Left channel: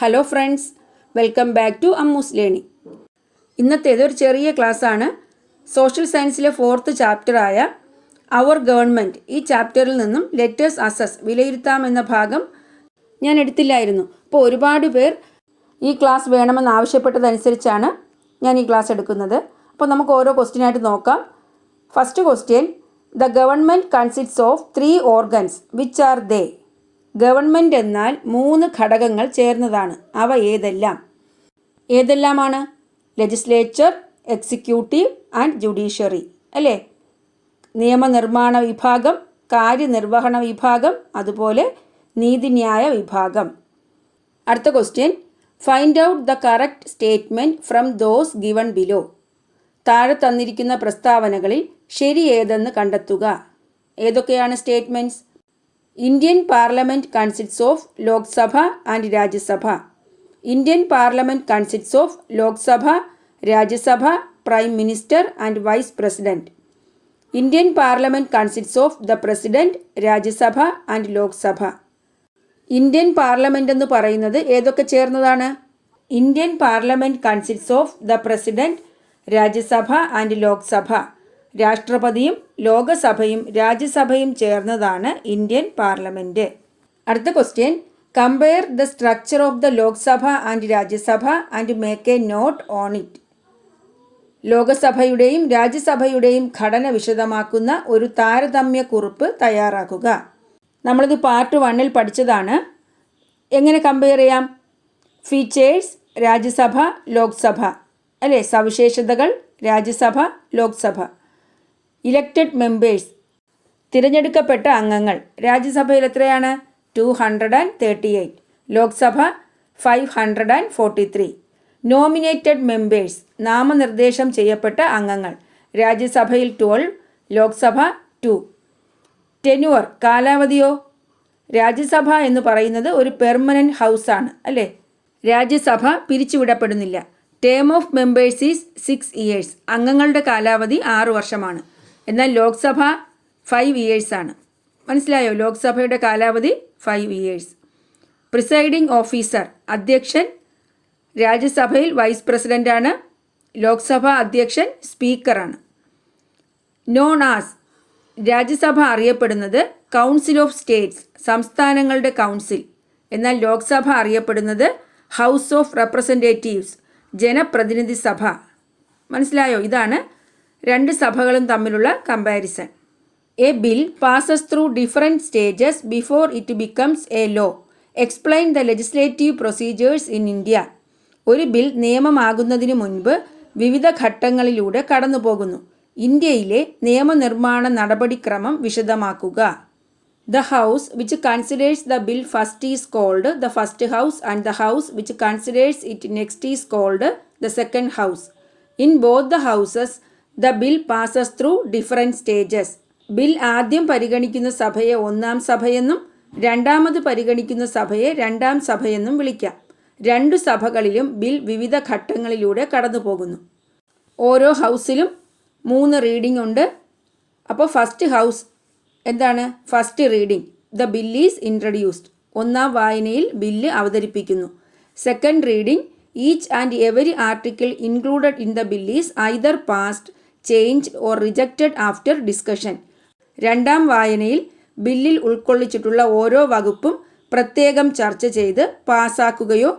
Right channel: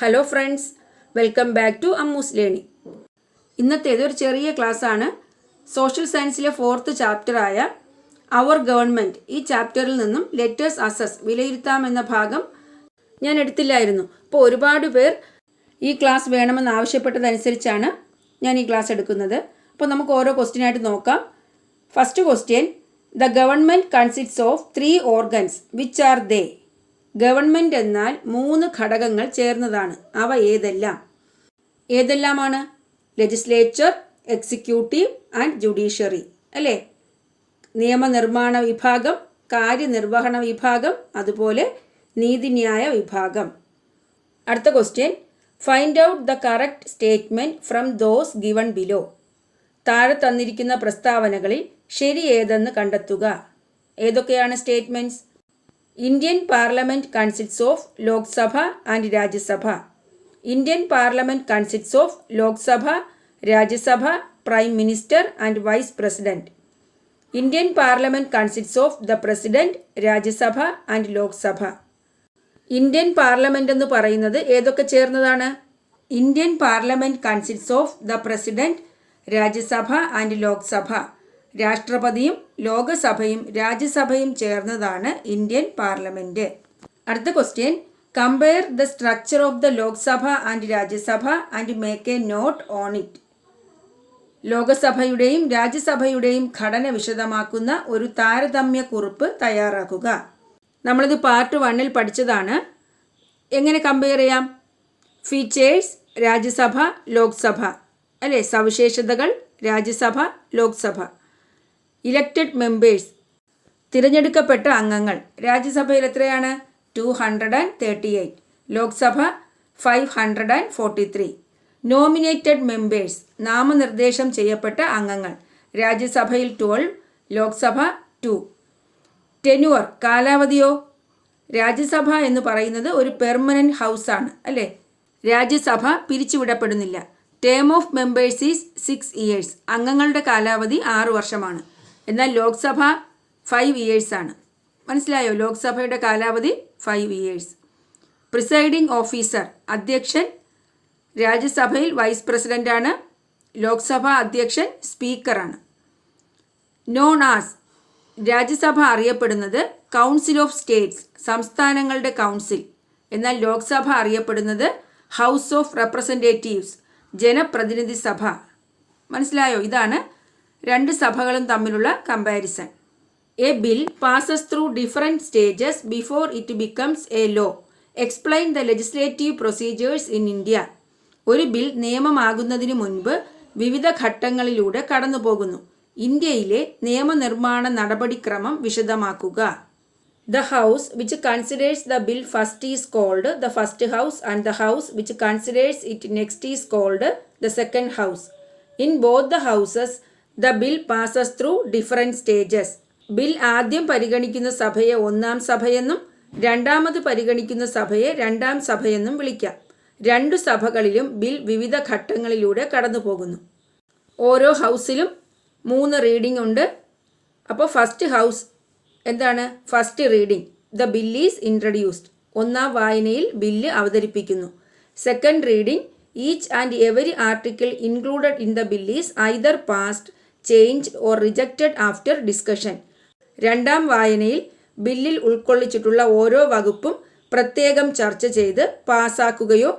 Hello friends, welcome back to Ammus learning. ഇന്നത്തേതൊരു ചെറിയ ക്ലാസ്സാണ്. സോഷ്യൽ സയൻസിലെ 4th ചാപ്റ്ററായ അവർ ഗവൺമെൻറ്, ഈ ചാപ്റ്ററിൽ നിന്നും ലെറ്റേഴ്സ് അസസ് വിലയിരുത്താമെന്ന ഭാഗം ഞാൻ എടുത്തില്ലായിരുന്നു. അപ്പോൾ ഒരുപാട് പേർ ഈ ക്ലാസ് വേണമെന്ന് ആവശ്യപ്പെട്ടതനുസരിച്ചാണ് ഞാൻ ഈ ക്ലാസ് എടുക്കുന്നത്. അപ്പോൾ നമുക്ക് ഓരോ ക്വസ്റ്റ്യനായിട്ട് നോക്കാം. First question, the government consists of 3 organs which are they? Government എന്നാൽ 3 ഘടകങ്ങൾ ചേർന്നതാണ്. അവ ഏതെല്ലാമാണ്? ലെജിസ്ലേച്ചർ, എക്സിക്യൂട്ടീവ് ആൻഡ് ജുഡീഷ്യറി, അല്ലേ? നിയമനിർമ്മാണ വിഭാഗം, കാര്യനിർവഹണ വിഭാഗം, അതുപോലെ നീതിന്യായ വിഭാഗം. അടുത്ത question, find out the correct statement from those given below. താഴെ തന്നിരിക്കുന്ന പ്രസ്താവനകളിൽ ശരി ഏതെന്ന് കണ്ടെത്തുക. ഏതൊക്കെയാണ് statements? Indian parliament consists of Lok Sabha and Rajya Sabha. Indian parliament consists of Lok Sabha, Rajya Sabha, prime minister and vice president. Indian parliament consists of the president, Rajya Sabha and Lok Sabha. Indian parliament എന്ന് പറയുന്നത് ഏതൊക്കെ ചേർന്നതാണ്? Indian parliament consists of the president, Rajya Sabha and Lok Sabha. രാഷ്ട്രപതിയും ലോകസഭയും രാജ്യസഭയും ചേർന്നതാണ് Indian parliament. അടുത്ത question, compare the structure of the Lok Sabha and Rajya Sabha and make a note on it. ലോകസഭയുടെയും രാജ്യസഭയുടെയും ഘടന വിശദമാക്കുന്ന ഒരു താരതമ്യ കുറിപ്പ് തയ്യാറാക്കുക. നമ്മളിത് പാർട്ട് 1 പഠിച്ചതാണ്. എങ്ങനെ കമ്പയർ ചെയ്യാം? ഫീച്ചേഴ്സ് രാജ്യസഭ, ലോക്സഭ, അല്ലേ? സവിശേഷതകൾ രാജ്യസഭ, ലോക്സഭ. ഇലക്റ്റഡ് മെമ്പേഴ്സ്, തിരഞ്ഞെടുക്കപ്പെട്ട അംഗങ്ങൾ. രാജ്യസഭയിൽ എത്രയാണ്? 238. ലോക്സഭ 543. നോമിനേറ്റഡ് മെമ്പേഴ്സ്, നാമനിർദ്ദേശം ചെയ്യപ്പെട്ട അംഗങ്ങൾ. രാജ്യസഭയിൽ 12, ലോക്സഭ 2. ടെന്യുവർ, കാലാവധിയോ? രാജ്യസഭ എന്ന് പറയുന്നത് ഒരു പെർമനൻറ്റ് ഹൗസാണ്, അല്ലേ? രാജ്യസഭ പിരിച്ചുവിടപ്പെടുന്നില്ല. Term of members is 6 years. അംഗങ്ങളുടെ കാലാവധി 6 വർഷമാണ്. എന്നാൽ ലോക്സഭ 5 years ആണ്. മനസ്സിലായോ? ലോക്സഭയുടെ കാലാവധി 5 years. പ്രിസൈഡിംഗ് ഓഫീസർ, അധ്യക്ഷൻ. രാജ്യസഭയിൽ വൈസ് പ്രസിഡൻ്റാണ്. ലോക്സഭ അധ്യക്ഷൻ സ്പീക്കറാണ്. നോൺ ആസ്, രാജ്യസഭ അറിയപ്പെടുന്നത് കൗൺസിൽ ഓഫ് സ്റ്റേറ്റ്സ്, സംസ്ഥാനങ്ങളുടെ കൗൺസിൽ. എന്നാൽ ലോക്സഭ അറിയപ്പെടുന്നത് ഹൗസ് ഓഫ് റെപ്രസെൻറ്റേറ്റീവ്സ്, ജനപ്രതിനിധി സഭ. മനസ്സിലായോ? ഇതാണ് 2 സഭകളും തമ്മിലുള്ള comparison. A bill passes through different stages before it becomes a law. Explain the legislative procedures in India. ഒരു ബിൽ നിയമമാകുന്നതിന് മുൻപ് വിവിധ ഘട്ടങ്ങളിലൂടെ കടന്നു പോകുന്നു. ഇന്ത്യയിലെ നിയമനിർമ്മാണ നടപടിക്രമം വിശദമാക്കുക. The house which considers the bill first is called the first house and the house which considers it next is called the second house. In both the houses, the bill passes through different stages. Bill ആദ്യം പരിഗണിക്കുന്ന സഭയെ 1ാം സഭയെന്നും രണ്ടാമത് പരിഗണിക്കുന്ന സഭയെ 2ാം സഭയെന്നും വിളിക്കാം. 2 സഭകളിലും bill വിവിധ ഘട്ടങ്ങളിലൂടെ കടന്നു പോകുന്നു. ഓരോ ഹൗസിലും 3 റീഡിംഗ് ഉണ്ട്. അപ്പോൾ ഫസ്റ്റ് ഹൗസ് എന്താണ്? First reading, the bill is introduced. 1ാം വായനയിൽ ബില്ല് അവതരിപ്പിക്കുന്നു. Second reading, each and every article included in the bill is either passed, changed or rejected after discussion. 2ാം വായനയിൽ ബില്ലിൽ ഉൾക്കൊള്ളിച്ചിട്ടുള്ള ഓരോ വകുപ്പും പ്രത്യേകം ചർച്ച ചെയ്ത് പാസാക്കുകയോ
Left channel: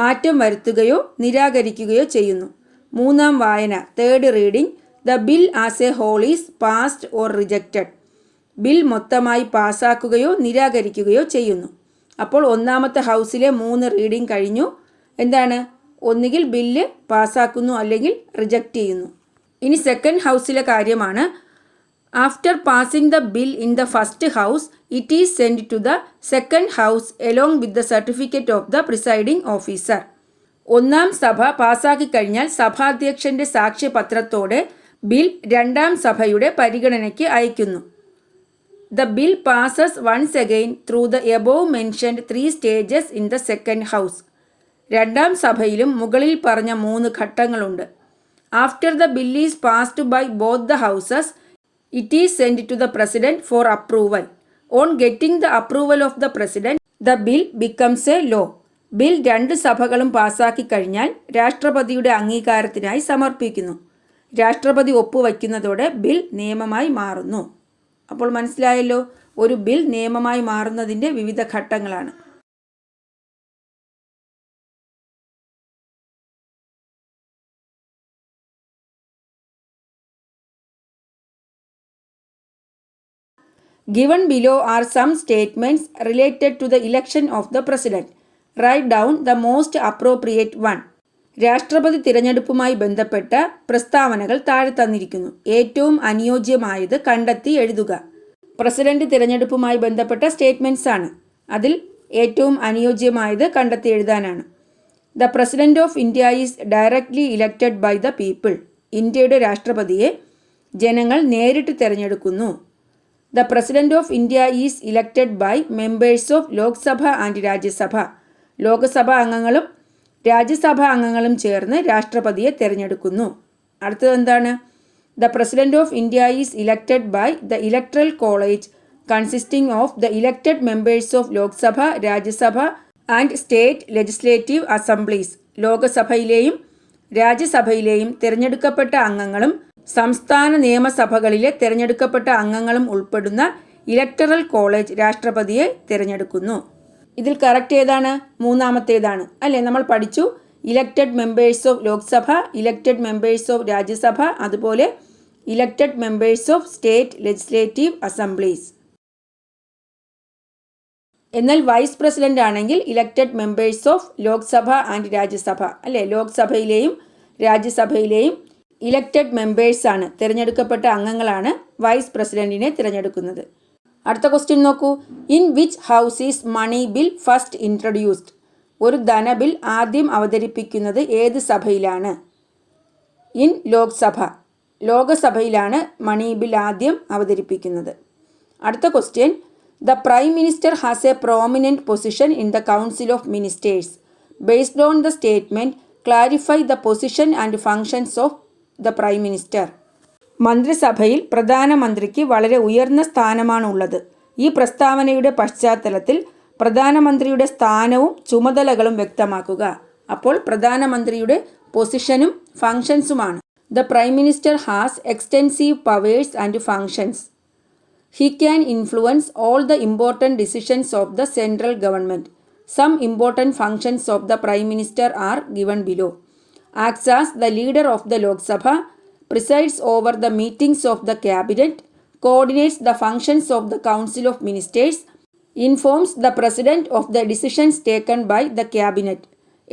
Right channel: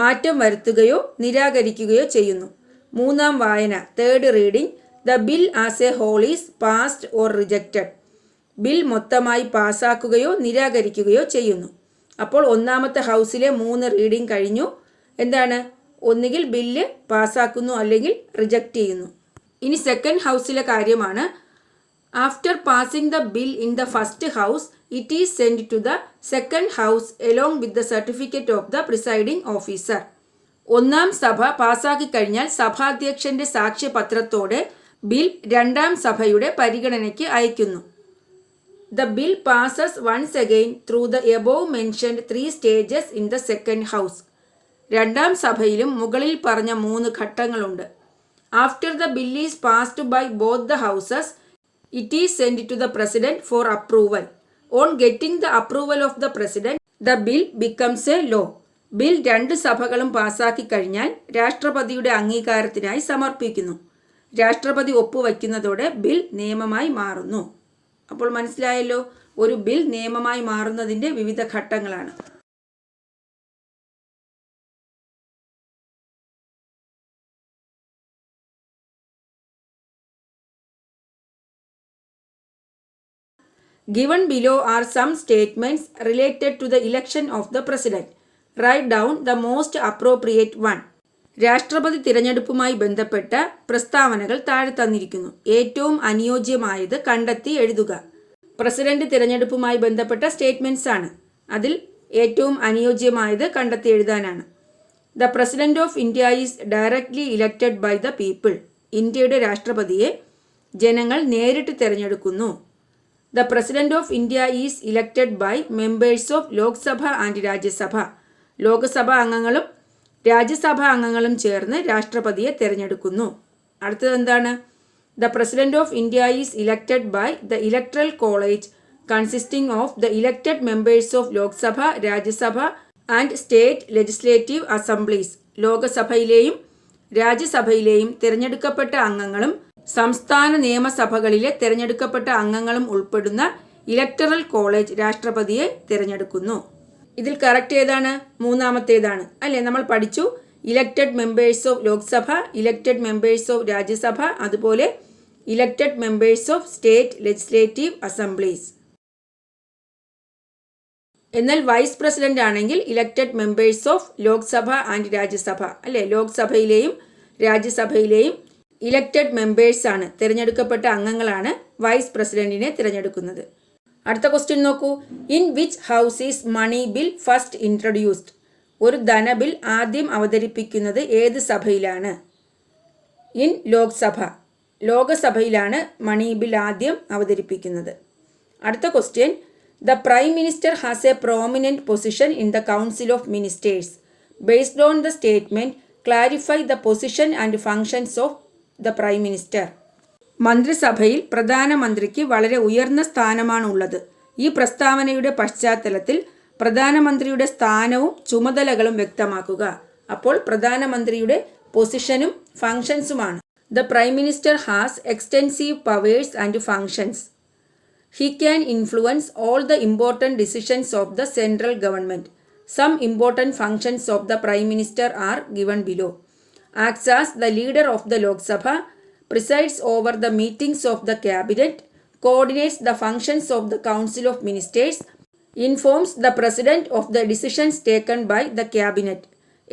മാറ്റം വരുത്തുകയോ നിരാകരിക്കുകയോ ചെയ്യുന്നു. 3ാം വായന, third reading, the bill as a whole is passed or rejected. Bill മൊത്തമായി പാസാക്കുകയോ നിരാകരിക്കുകയോ ചെയ്യുന്നു. അപ്പോൾ 1ാമത്തെ ഹൗസിലെ 3 റീഡിംഗ് കഴിഞ്ഞു. എന്താണ്? ഒന്നുകിൽ ബില്ല് പാസാക്കുന്നു അല്ലെങ്കിൽ റിജക്റ്റ് ചെയ്യുന്നു. ഇനി സെക്കൻഡ് ഹൗസിലെ കാര്യമാണ്. After passing the bill in the first house, it is send to the second house along with the certificate of the presiding officer. 1ാം സഭ പാസാക്കി കഴിഞ്ഞാൽ സഭാധ്യക്ഷന്റെ സാക്ഷ്യപത്രത്തോടെ ബിൽ 2ാം സഭയുടെ പരിഗണനയ്ക്ക് അയക്കുന്നു. The bill passes once again through the above mentioned 3 stages in the second house. 2ാം സഭയിലും മുകളിൽ പറഞ്ഞ 3 ഘട്ടങ്ങളുണ്ട്. After the bill is passed by both the houses, it is sent to the president for approval. On getting the approval of the president, the bill becomes a law. Bill 2 സഭകളും പാസാക്കി കഴിഞ്ഞാൽ രാഷ്ട്രപതിയുടെ അംഗീകാരത്തിനായി സമർപ്പിക്കുന്നു. രാഷ്ട്രപതി ഒപ്പുവയ്ക്കുന്നതോടെ bill നിയമമായി മാറുന്നു. അപ്പോൾ മനസ്സിലായല്ലോ, ഒരു ബിൽ നിയമമായി മാറുന്നതിൻ്റെ വിവിധ ഘട്ടങ്ങളാണ്. Given below are some statements related to the election of the president. Write down the most appropriate one. രാഷ്ട്രപതി തിരഞ്ഞെടുപ്പുമായി ബന്ധപ്പെട്ട പ്രസ്താവനകൾ താഴെ തന്നിരിക്കുന്നു. ഏറ്റവും അനുയോജ്യമായത് കണ്ടെത്തി എഴുതുക. പ്രസിഡന്റ് തിരഞ്ഞെടുപ്പുമായി ബന്ധപ്പെട്ട സ്റ്റേറ്റ്മെൻറ്റ്സ് ആണ്. അതിൽ ഏറ്റവും അനുയോജ്യമായത് കണ്ടെത്തി എഴുതാനാണ്. The president of India is directly elected by the people. ഇന്ത്യയുടെ രാഷ്ട്രപതിയെ ജനങ്ങൾ നേരിട്ട് തിരഞ്ഞെടുക്കുന്നു. The president of India is elected by members of Lok Sabha and Rajya Sabha. Lok Sabha അംഗങ്ങളും രാജ്യസഭാ അംഗങ്ങളും ചേർന്ന് രാഷ്ട്രപതിയെ തിരഞ്ഞെടുക്കുന്നു. അടുത്തത് എന്താണ്? The president of India is elected by the electoral college consisting of the elected members of Lok Sabha, Rajya Sabha and state legislative assemblies. ലോകസഭയിലെയും രാജ്യസഭയിലെയും തിരഞ്ഞെടുക്കപ്പെട്ട അംഗങ്ങളും സംസ്ഥാന നിയമസഭകളിലെ തിരഞ്ഞെടുക്കപ്പെട്ട അംഗങ്ങളും ഉൾപ്പെടുന്ന ഇലക്ടറൽ കോളേജ് രാഷ്ട്രപതിയെ തിരഞ്ഞെടുക്കുന്നു. ഇതിൽ കറക്റ്റ് ഏതാണ്? മൂന്നാമത്തേതാണ് അല്ലേ? നമ്മൾ പഠിച്ചു elected members of Lok Sabha, elected members of Rajya Sabha, അതുപോലെ elected members of state legislative assemblies. എന്നാൽ വൈസ് പ്രസിഡന്റ് ആണെങ്കിൽ elected members of Lok Sabha and Rajya Sabha അല്ലേ? ലോക്സഭയിലെയും രാജ്യസഭയിലെയും ഇലക്റ്റഡ് മെമ്പേഴ്സ് ആണ്, തിരഞ്ഞെടുക്കപ്പെട്ട അംഗങ്ങളാണ് വൈസ് പ്രസിഡന്റിനെ തിരഞ്ഞെടുക്കുന്നത്. അടുത്ത ക്വസ്റ്റ്യൻ നോക്കൂ. In which house is money bill first introduced? ഒരു ധനബിൽ ആദ്യം അവതരിപ്പിക്കുന്നത് ഏത് സഭയിലാണ്? ഇൻ ലോക്സഭ. ലോകസഭയിലാണ് മണി ബിൽ ആദ്യം അവതരിപ്പിക്കുന്നത്. അടുത്ത question. The prime minister has a prominent position in the council of ministers. Based on the statement clarify the position and functions of the prime minister. മന്ത്രിസഭയിൽ പ്രധാനമന്ത്രിക്ക് വളരെ ഉയർന്ന സ്ഥാനമാണുള്ളത്. ഈ പ്രസ്താവനയുടെ പശ്ചാത്തലത്തിൽ പ്രധാനമന്ത്രിയുടെ സ്ഥാനവും ചുമതലകളും വ്യക്തമാക്കുക. അപ്പോൾ പ്രധാനമന്ത്രിയുടെ പൊസിഷനും ഫങ്ഷൻസുമാണ്. The prime minister has extensive powers and functions. He can influence all the important decisions of the central government. Some important functions of the prime minister are given below. Acts as the leader of the Lok Sabha, presides over the meetings of the cabinet, coordinates the functions of the council of ministers, informs the president of the decisions taken by the cabinet.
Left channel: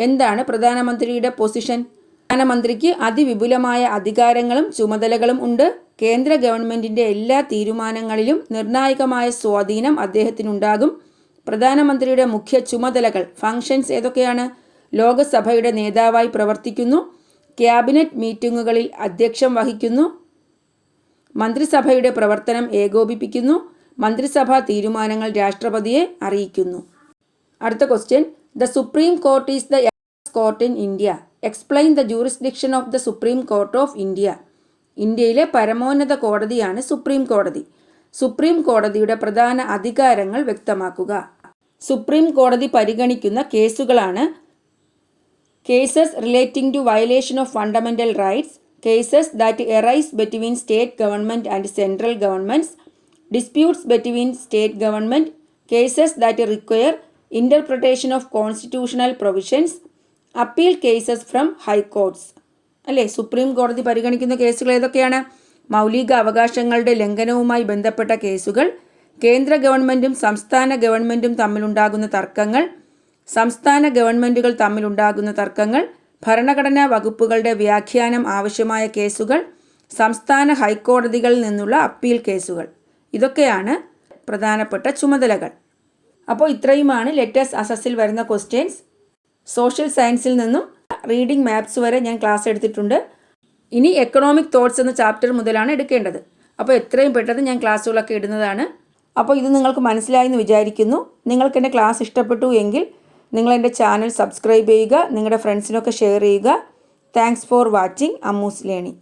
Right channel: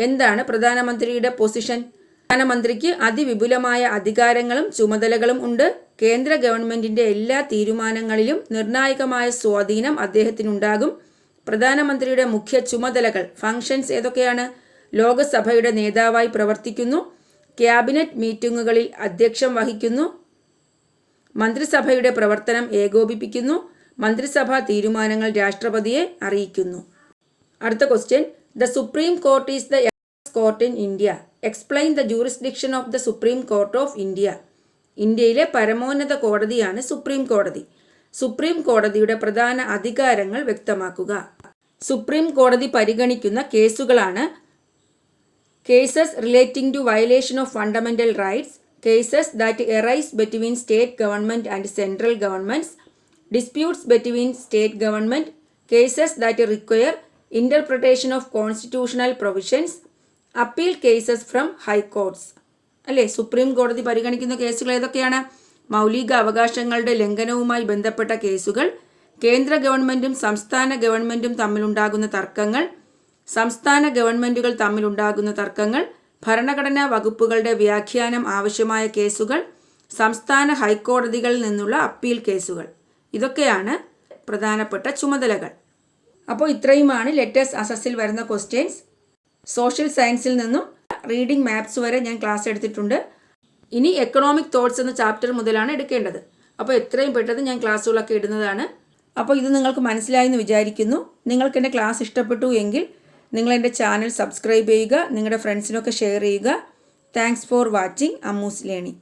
എന്താണ് പ്രധാനമന്ത്രിയുടെ position? പ്രധാനമന്ത്രിക്ക് അതിവിപുലമായ അധികാരങ്ങളും ചുമതലകളും ഉണ്ട്. കേന്ദ്ര ഗവൺമെന്റിന്റെ എല്ലാ തീരുമാനങ്ങളിലും നിർണായകമായ സ്വാധീനം അദ്ദേഹത്തിനുണ്ടാകും. പ്രധാനമന്ത്രിയുടെ മുഖ്യ ചുമതലകൾ ഫങ്ഷൻസ് ഏതൊക്കെയാണ്? ലോകസഭയുടെ നേതാവായി പ്രവർത്തിക്കുന്നു, ക്യാബിനറ്റ് മീറ്റിംഗുകളിൽ അധ്യക്ഷം വഹിക്കുന്നു, മന്ത്രിസഭയുടെ പ്രവർത്തനം ഏകോപിപ്പിക്കുന്നു, മന്ത്രിസഭാ തീരുമാനങ്ങൾ രാഷ്ട്രപതിയെ അറിയിക്കുന്നു. അടുത്ത question. The supreme court is the X court in India. Explain the jurisdiction of the supreme court of India. ഇന്ത്യയിലെ പരമോന്നത കോടതിയാണ് സുപ്രീം കോടതി. സുപ്രീം കോടതിയുടെ പ്രധാന അധികാരങ്ങൾ വ്യക്തമാക്കുക. സുപ്രീം കോടതി പരിഗണിക്കുന്ന കേസുകളാണ് cases relating to violation of fundamental rights, cases that arise between state government and central governments, disputes between state government, cases that require interpretation of constitutional provisions, appeal cases from high courts. അല്ലേ? Supreme കോടതി പരിഗണിക്കുന്ന കേസുകൾ ഏതൊക്കെയാണ്? മൗലിക അവകാശങ്ങളുടെ ലംഘനവുമായി ബന്ധപ്പെട്ട കേസുകൾ, കേന്ദ്ര ഗവൺമെൻറ്റും സംസ്ഥാന ഗവൺമെൻറ്റും തമ്മിലുണ്ടാകുന്ന തർക്കങ്ങൾ, സംസ്ഥാന ഗവൺമെൻറ്റുകൾ തമ്മിലുണ്ടാകുന്ന തർക്കങ്ങൾ, ഭരണഘടനാ വകുപ്പുകളുടെ വ്യാഖ്യാനം ആവശ്യമായ കേസുകൾ, സംസ്ഥാന ഹൈക്കോടതികളിൽ നിന്നുള്ള അപ്പീൽ കേസുകൾ. ഇതൊക്കെയാണ് പ്രധാനപ്പെട്ട ചുമതലകൾ. അപ്പോൾ ഇത്രയുമാണ് ലെറ്റേഴ്സ് അസസിൽ വരുന്ന ക്വസ്റ്റ്യൻസ്. സോഷ്യൽ സയൻസിൽ നിന്നും റീഡിംഗ് മാപ്സ് വരെ ഞാൻ ക്ലാസ് എടുത്തിട്ടുണ്ട്. ഇനി എക്കണോമിക് തോട്ട്സ് എന്ന ചാപ്റ്റർ മുതലാണ് എടുക്കേണ്ടത്. അപ്പോൾ എത്രയും പെട്ടെന്ന് ഞാൻ ക്ലാസ്സുകളൊക്കെ ഇടുന്നതാണ്. അപ്പോൾ ഇത് നിങ്ങൾക്ക് മനസ്സിലായി എന്ന് വിചാരിക്കുന്നു. നിങ്ങൾക്ക് എൻ്റെ ക്ലാസ് ഇഷ്ടപ്പെട്ടു എങ്കിൽ നിങ്ങൾ എൻ്റെ ചാനൽ സബ്സ്ക്രൈബ് ചെയ്യുക, നിങ്ങളുടെ ഫ്രണ്ട്സിനൊക്കെ ഷെയർ ചെയ്യുക. Thanks for watching Ammu's learning.